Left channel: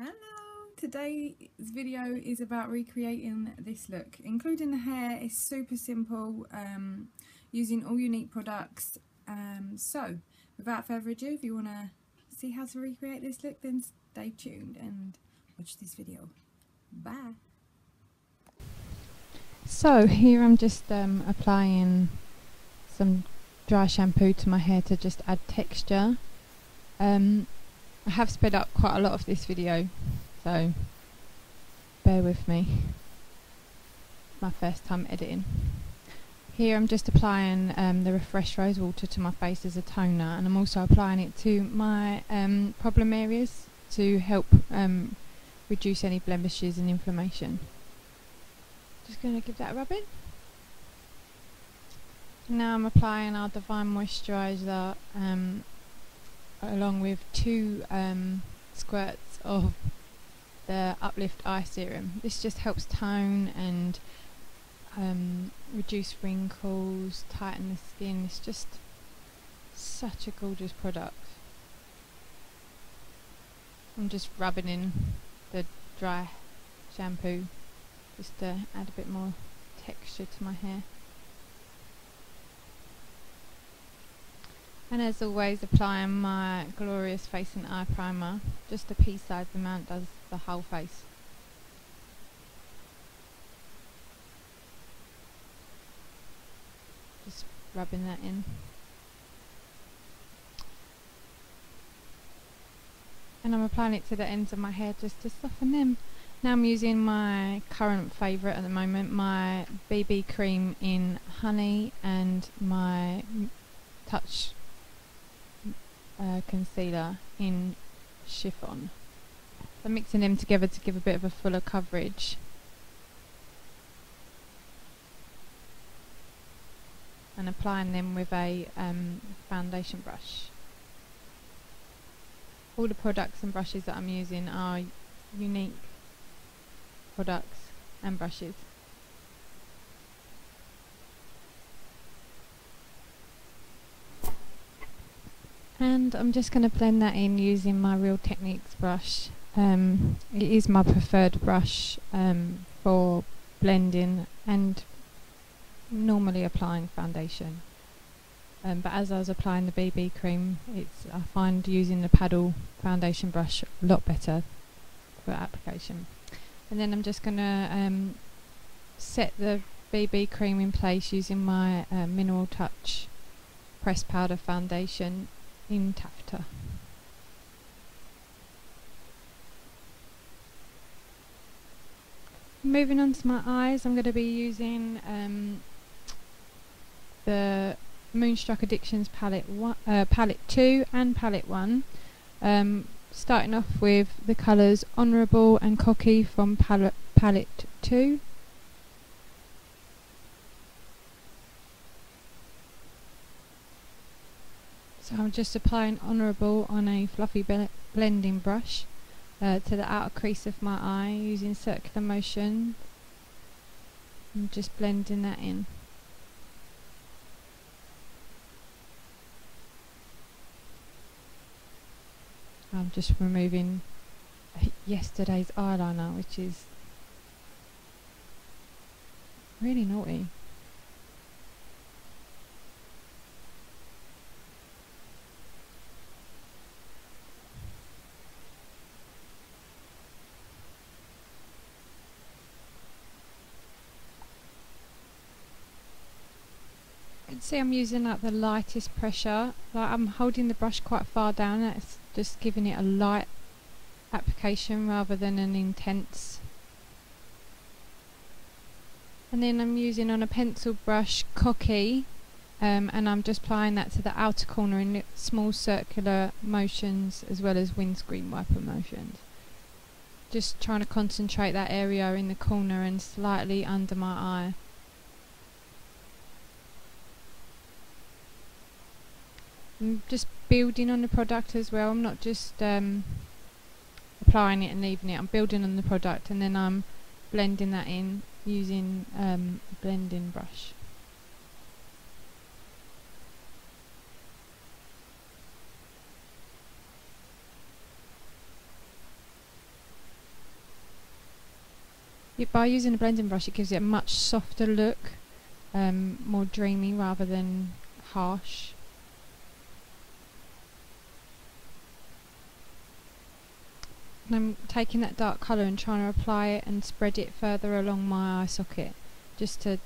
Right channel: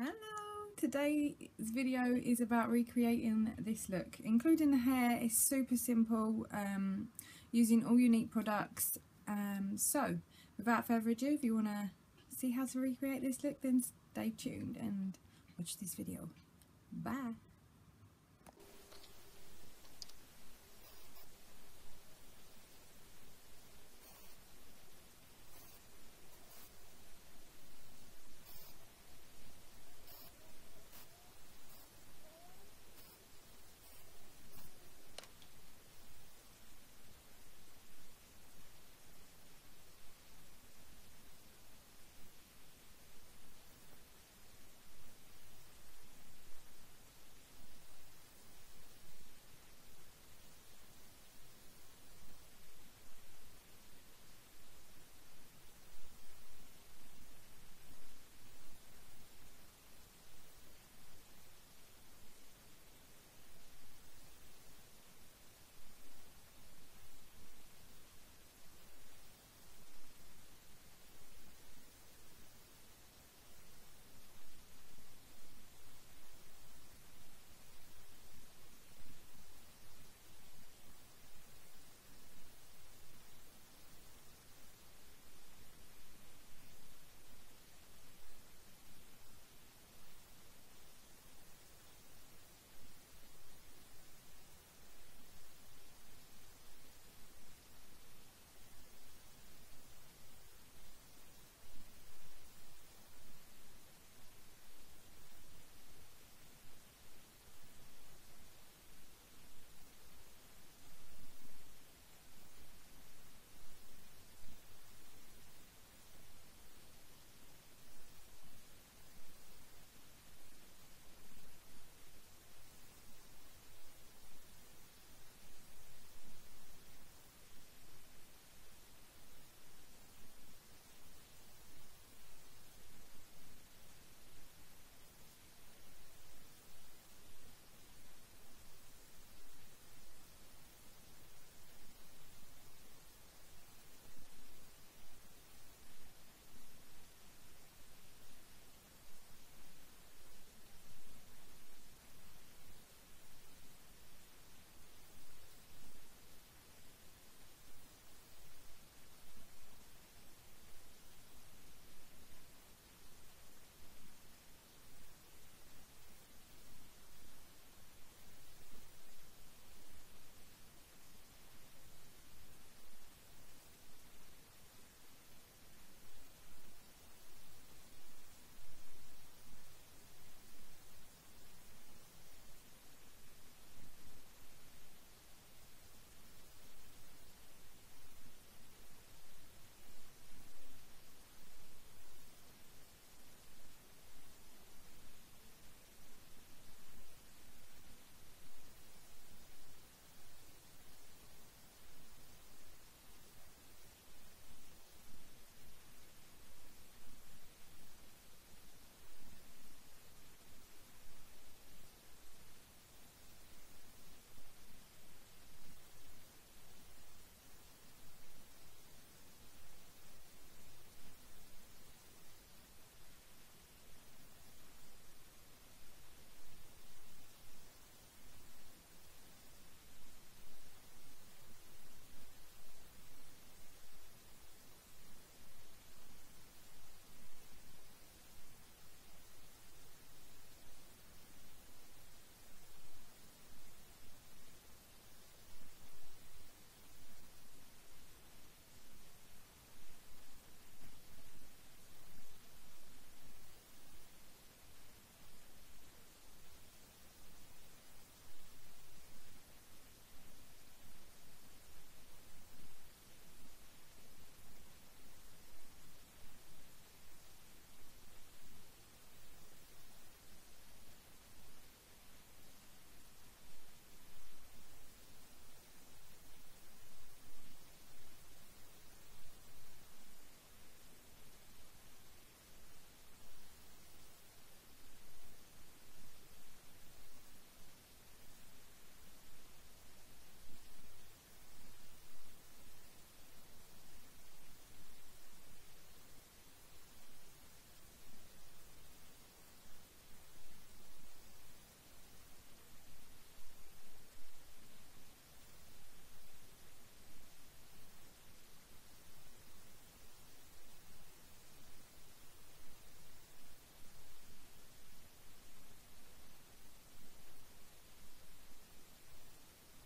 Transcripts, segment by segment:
Hello! Today's video is about recreating this look, including the hair. It's super simple, using all Younique products. So, without further ado, if you want to see how to recreate this look, then stay tuned and watch this video. Bye! So here I'm just applying some dry shampoo to my hair to just add texture. I have sped up quite a lot of this video, so bear with me. My first time editing. Here I'm just applying the Refresh Rose Water to my face as a toner, and I'm also applying it to my problem areas to help reduce any blemishes and inflammation. Just going to give that a rub in. Now I'm applying our Divine Moisturiser along with 2 squirts of the Uplift Eye Serum. This just helps tone and reduce wrinkles, tighten the skin. It's just such a gorgeous product. I'm just rubbing in the dry shampoo just to add a bit more texture to my hair. And as always, applying my glorious face and eye primer. Just a pea-sized amount does the whole face. Just rubbing that in. And I'm applying it to the ends of my hair just to soften them. Now I'm using my current favourite at the moment, my BB cream in honey and my Touch concealer in Chiffon. I'm mixing them together to give a bit of a fuller coverage. And applying them with a foundation brush. All the products and brushes that I'm using are Younique products and brushes. And I'm just going to blend that in using my Real Techniques brush. It is my preferred brush for blending and normally applying foundation. But as I was applying the BB cream, I find using the paddle foundation brush a lot better for application. And then I'm just going to set the BB cream in place using my Mineral Touch pressed powder foundation in Taffeta. Moving on to my eyes, I'm going to be using the Moonstruck Addictions palette 2 and palette 1. Starting off with the colours Honourable and Cocky from palette 2. So I'm just applying Honourable on a fluffy blending brush to the outer crease of my eye using circular motion. I'm just blending that in. I'm just removing yesterday's eyeliner, which is really naughty. See, I'm using like the lightest pressure. Like I'm holding the brush quite far down. That's just giving it a light application rather than an intense. And then I'm using on a pencil brush Cocky, and I'm just applying that to the outer corner in small circular motions as well as windscreen wiper motions. Just trying to concentrate that area in the corner and slightly under my eye. I'm just building on the product as well. I'm not just applying it and leaving it. I'm building on the product and then I'm blending that in using a blending brush. By using a blending brush, it gives it a much softer look, more dreamy rather than harsh. And I'm taking that dark colour and trying to apply it and spread it further along my eye socket, just to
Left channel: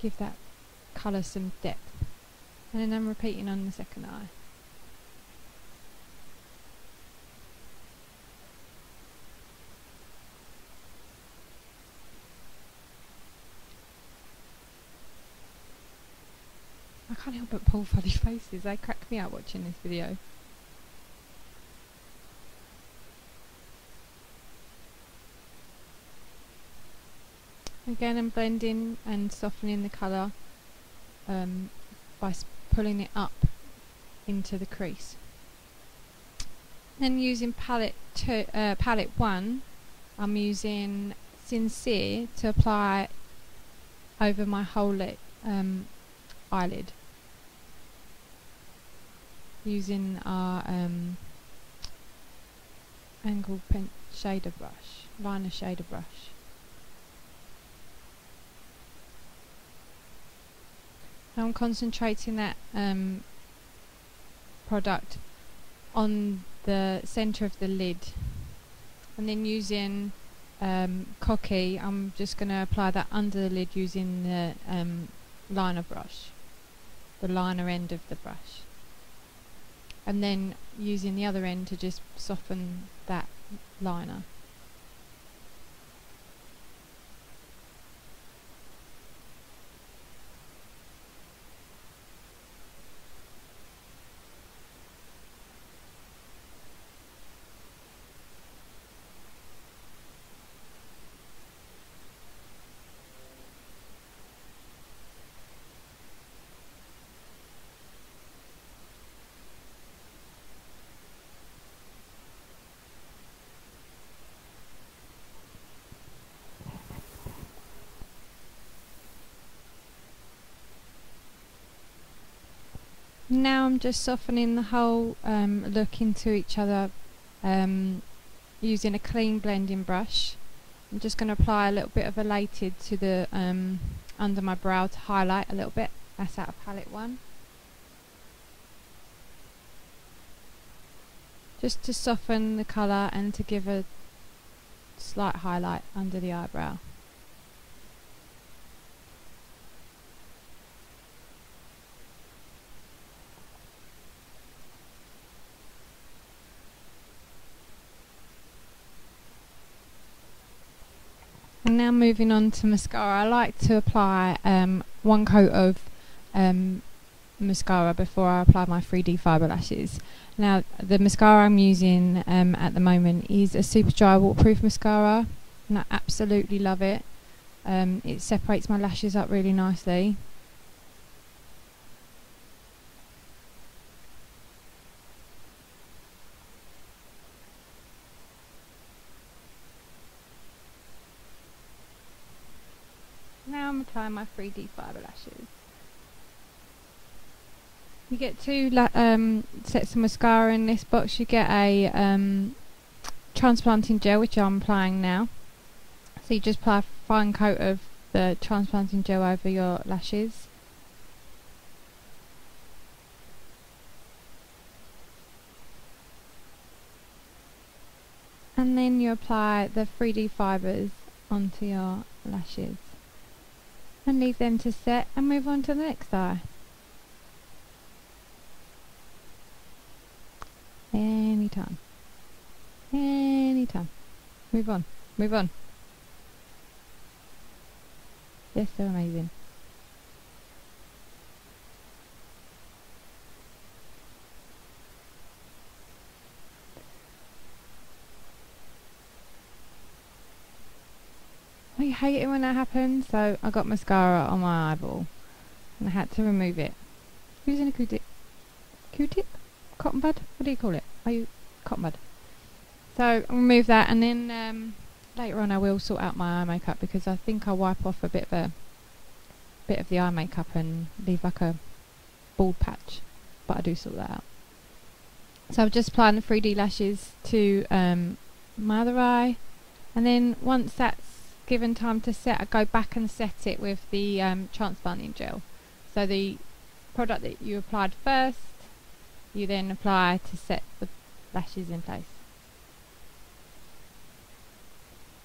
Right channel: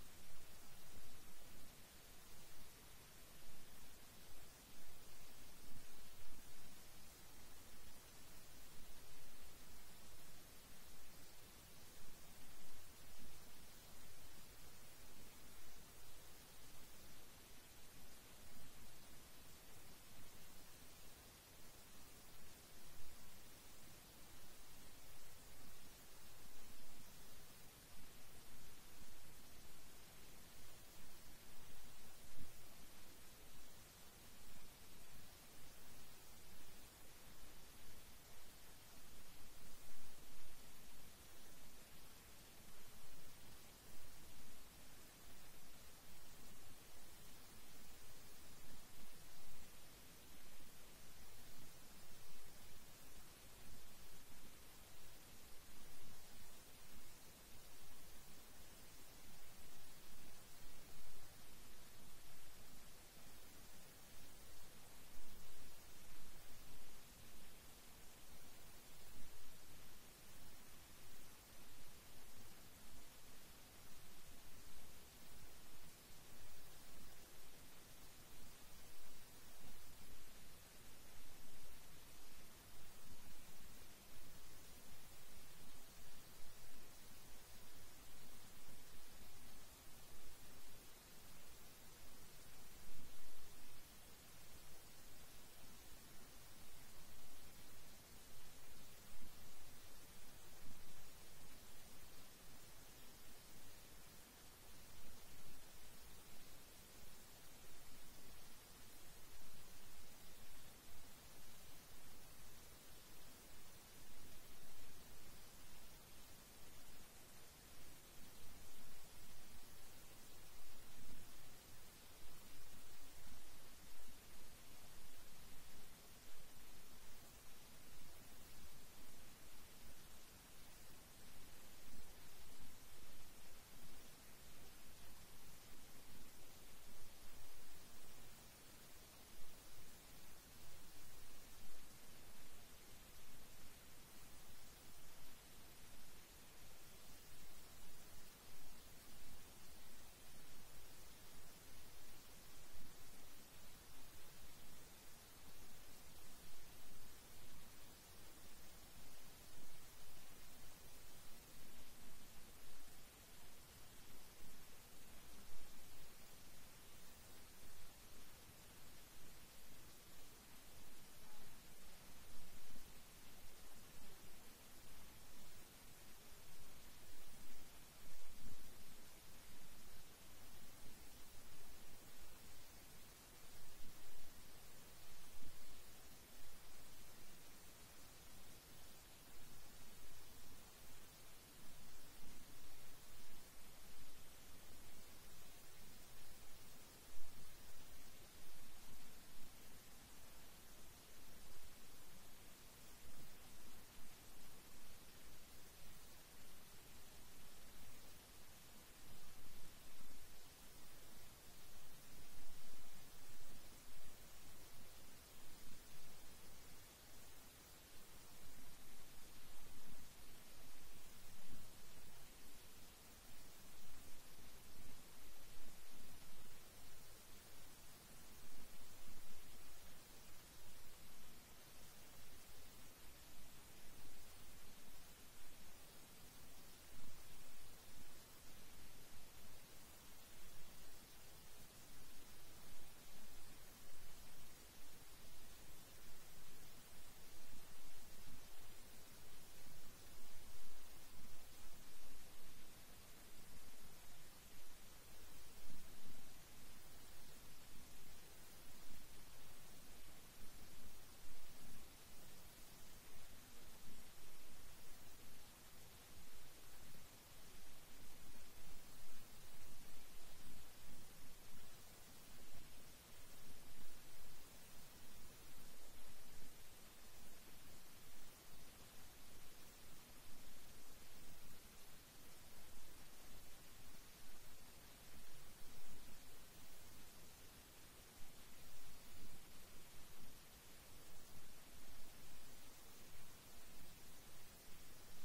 give that colour some depth. And then I'm repeating on the second eye. I can't help but pull funny faces, they crack me up watching this video. Again, I'm blending and softening the colour by pulling it up into the crease. Then using palette 1, I'm using Sincere to apply over my whole eyelid, using our angled shader brush, liner shader brush. Now I'm concentrating that product on the centre of the lid, and then using Cocky, I'm just going to apply that under the lid using the liner brush, the liner end of the brush, and then using the other end to just soften that liner. Now I'm just softening the whole look into each other using a clean blending brush. I'm just going to apply a little bit of Elated to the under my brow to highlight a little bit. That's out of palette 1. Just to soften the colour and to give a slight highlight under the eyebrow. And now moving on to mascara. I like to apply one coat of mascara before I apply my 3D fibre lashes. Now the mascara I'm using at the moment is a super dry waterproof mascara, and I absolutely love it. It separates my lashes up really nicely. Now I'm applying my 3D fibre lashes. You get 2 sets of mascara in this box. You get a transplanting gel, which I'm applying now. So you just apply a fine coat of the transplanting gel over your lashes. And then you apply the 3D fibres onto your lashes. And leave them to set and move on to the next eye. Anytime. Anytime. Move on. Move on. They're so amazing. I hate it when that happens, so I got mascara on my eyeball and I had to remove it using a Q-tip. Q-tip? Cotton bud? What do you call it? Are you cotton bud? So I'll remove that, and then later on I will sort out my eye makeup, because I think I'll wipe off a bit of the eye makeup and leave like a bald patch, but I do sort that out. So I'm just applying the 3D lashes to my other eye, and then once that's given time to set, I go back and set it with the transplanting gel. So the product that you applied first, you then apply to set the lashes in place.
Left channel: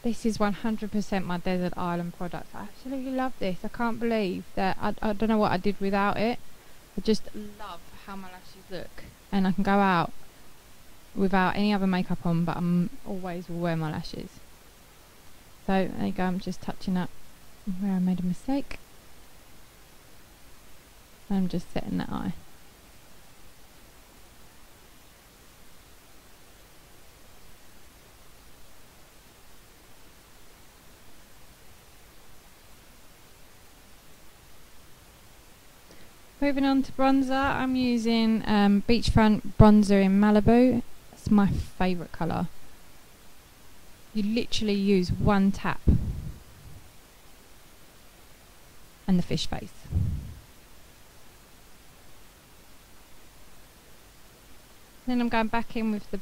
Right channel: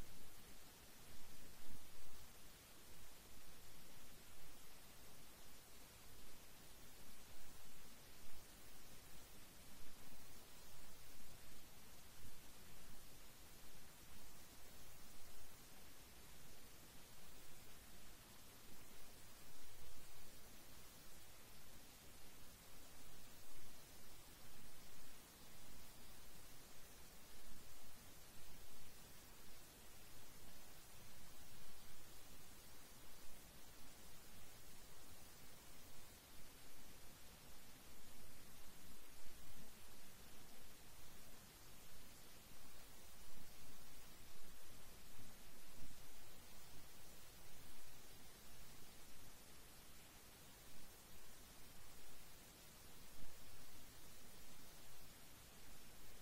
This is 100% my Desert Island product. I absolutely love this. I can't believe that I don't know what I did without it. I just love how my lashes look, and I can go out without any other makeup on, but I'm always will wear my lashes. So there you go, I'm just touching up where I made a mistake. I'm just setting that eye. Moving on to bronzer, I'm using Beachfront bronzer in Malibu. It's my favourite colour. You literally use one tap and the fish face. Then I'm going back in with the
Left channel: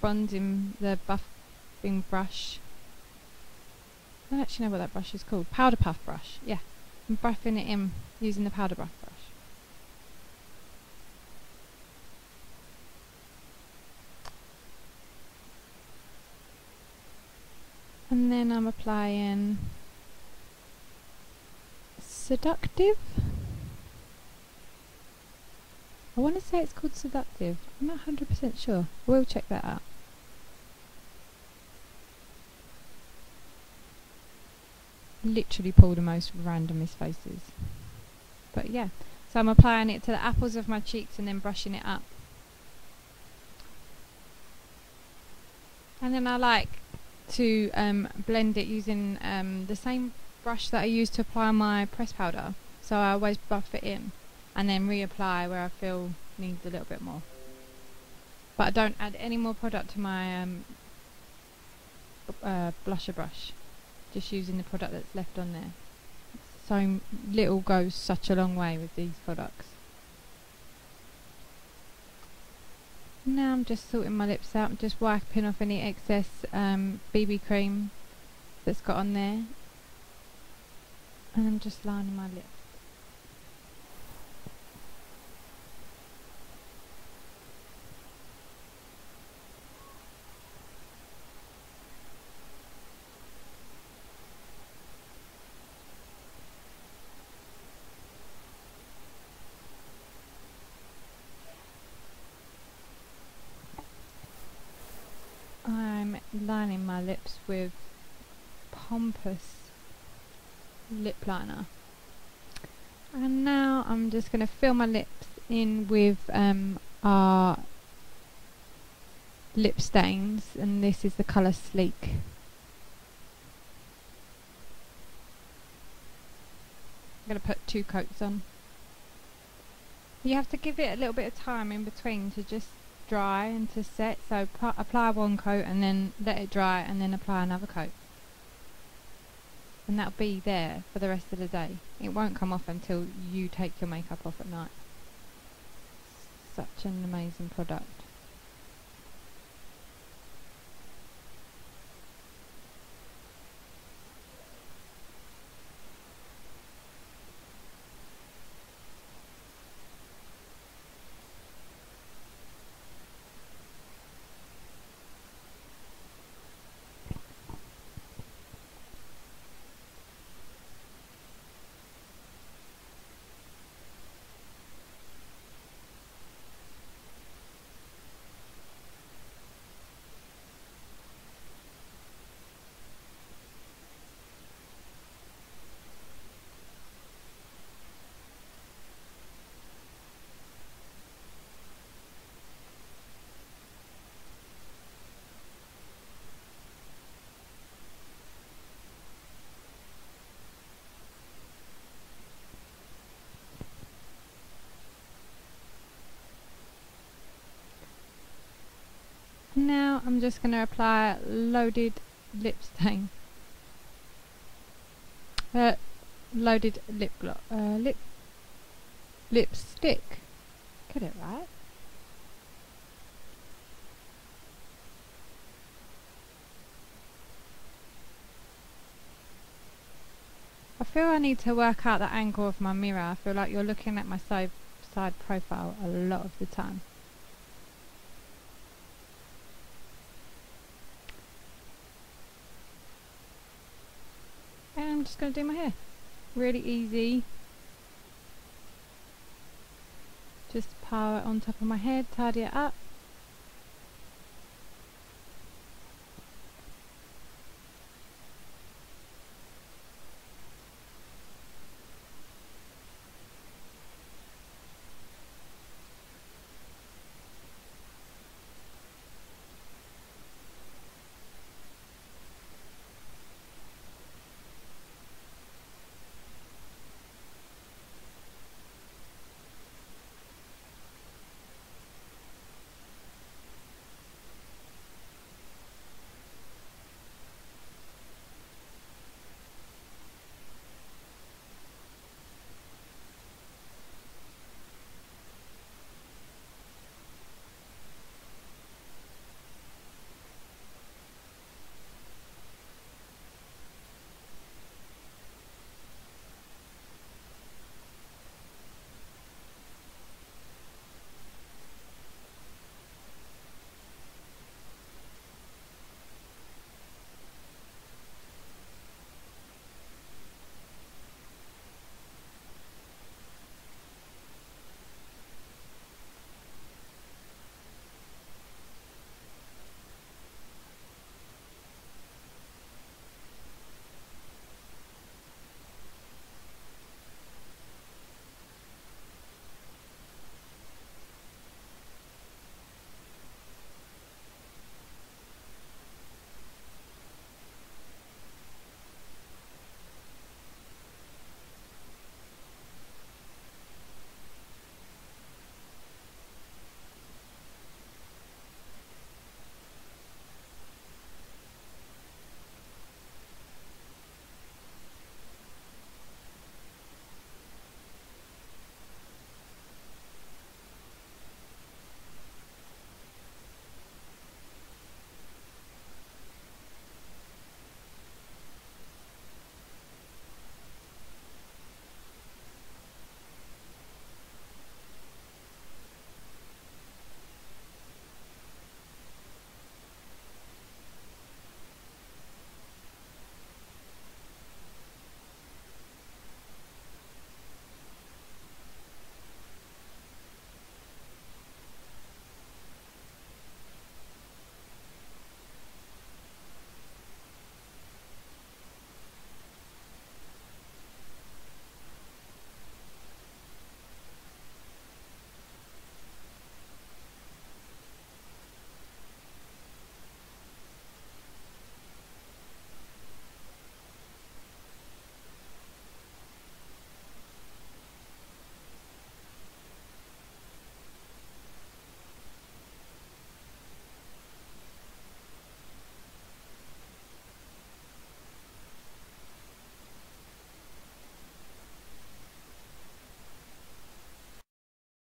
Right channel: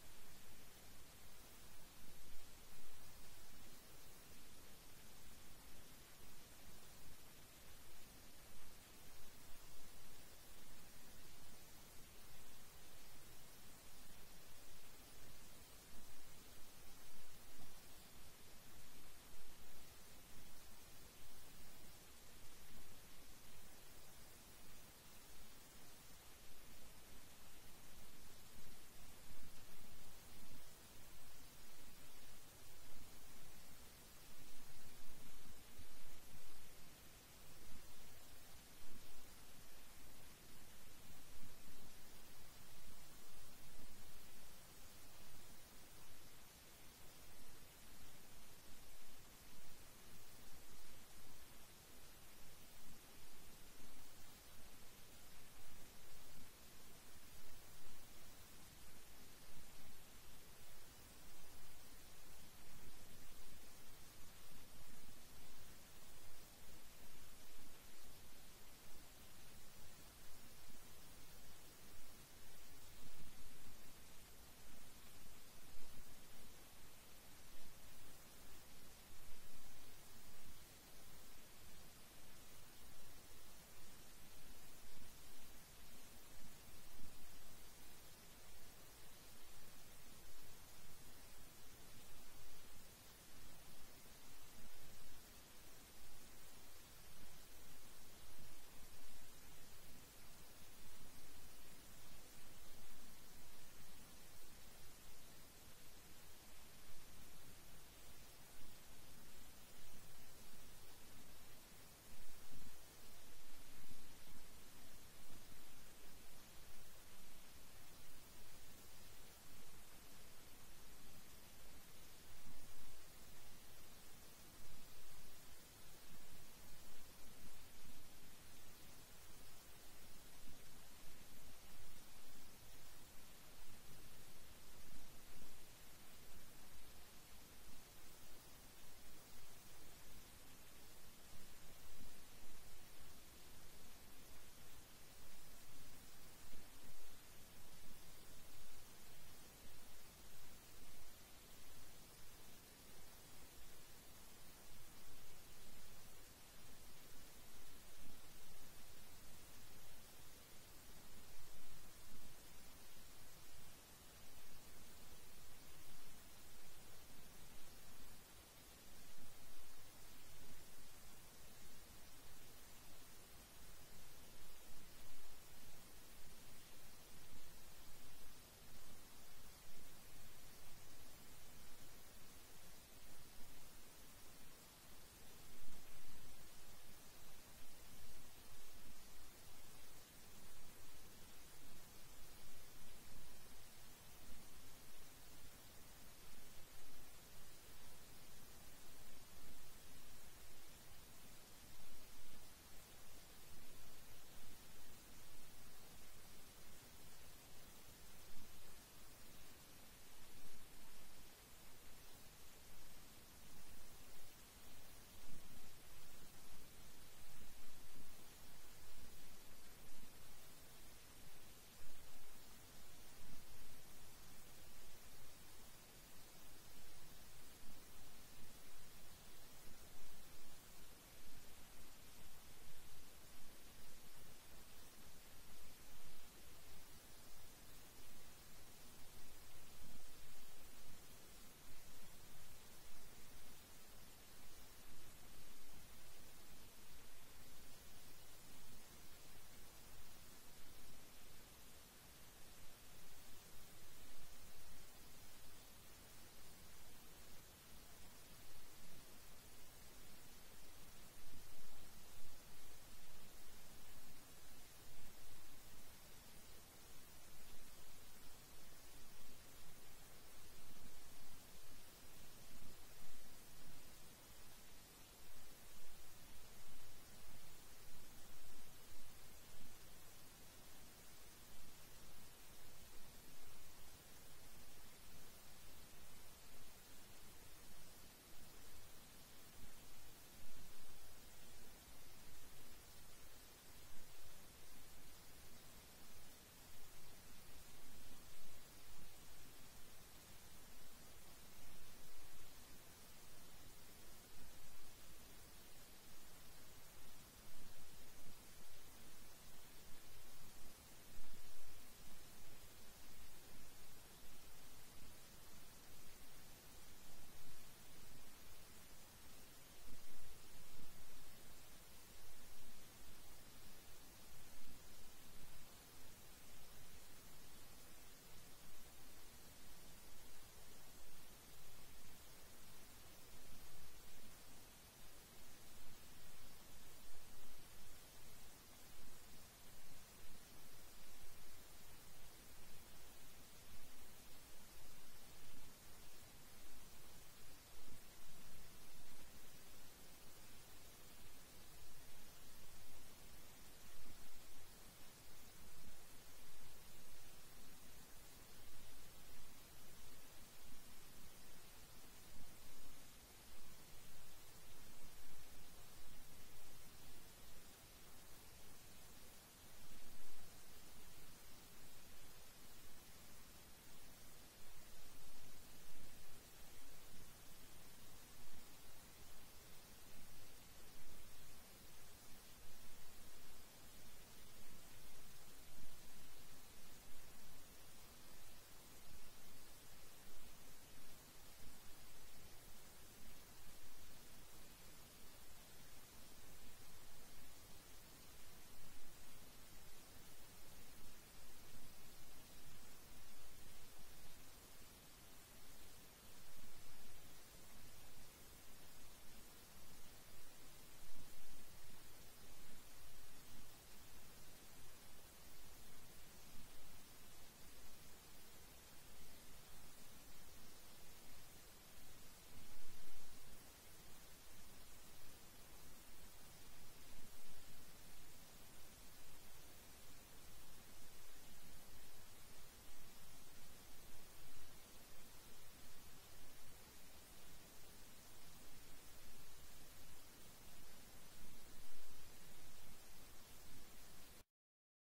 bronzing, the buffing brush. I don't actually know what that brush is called. Powder puff brush, yeah. I'm buffing it in using the powder puff brush. And then I'm applying Seductive. I want to say it's called Seductive. I'm not 100% sure. We'll check that out. Literally pull the most randomest faces. But yeah, so I'm applying it to the apples of my cheeks and then brushing it up. And then I like to blend it using the same brush that I use to apply my press powder. So I always buff it in and then reapply where I feel needs a little bit more. But I don't add any more product to my blusher brush, just using the product that's left on there. So little goes such a long way with these products. Now I'm just sorting my lips out, just wiping off any excess BB cream that's got on there, and I'm just lining my lips. I'm lining my lips with Pompous lip liner, and now I'm just going to fill my lips in with our lip stains, and this is the colour Sleek. I'm going to put 2 coats on. You have to give it a little bit of time in between to just dry and to set, so apply 1 coat and then let it dry and then apply another coat, and that'll be there for the rest of the day. It won't come off until you take your makeup off at night. Such an amazing product. Now I'm just going to apply Loaded lip stain. Loaded lip gloss. Lipstick. Get it right? I feel I need to work out the angle of my mirror. I feel like you're looking at my side profile a lot of the time. And I'm just going to do my hair. Really easy. Just pile it on top of my head, tidy it up.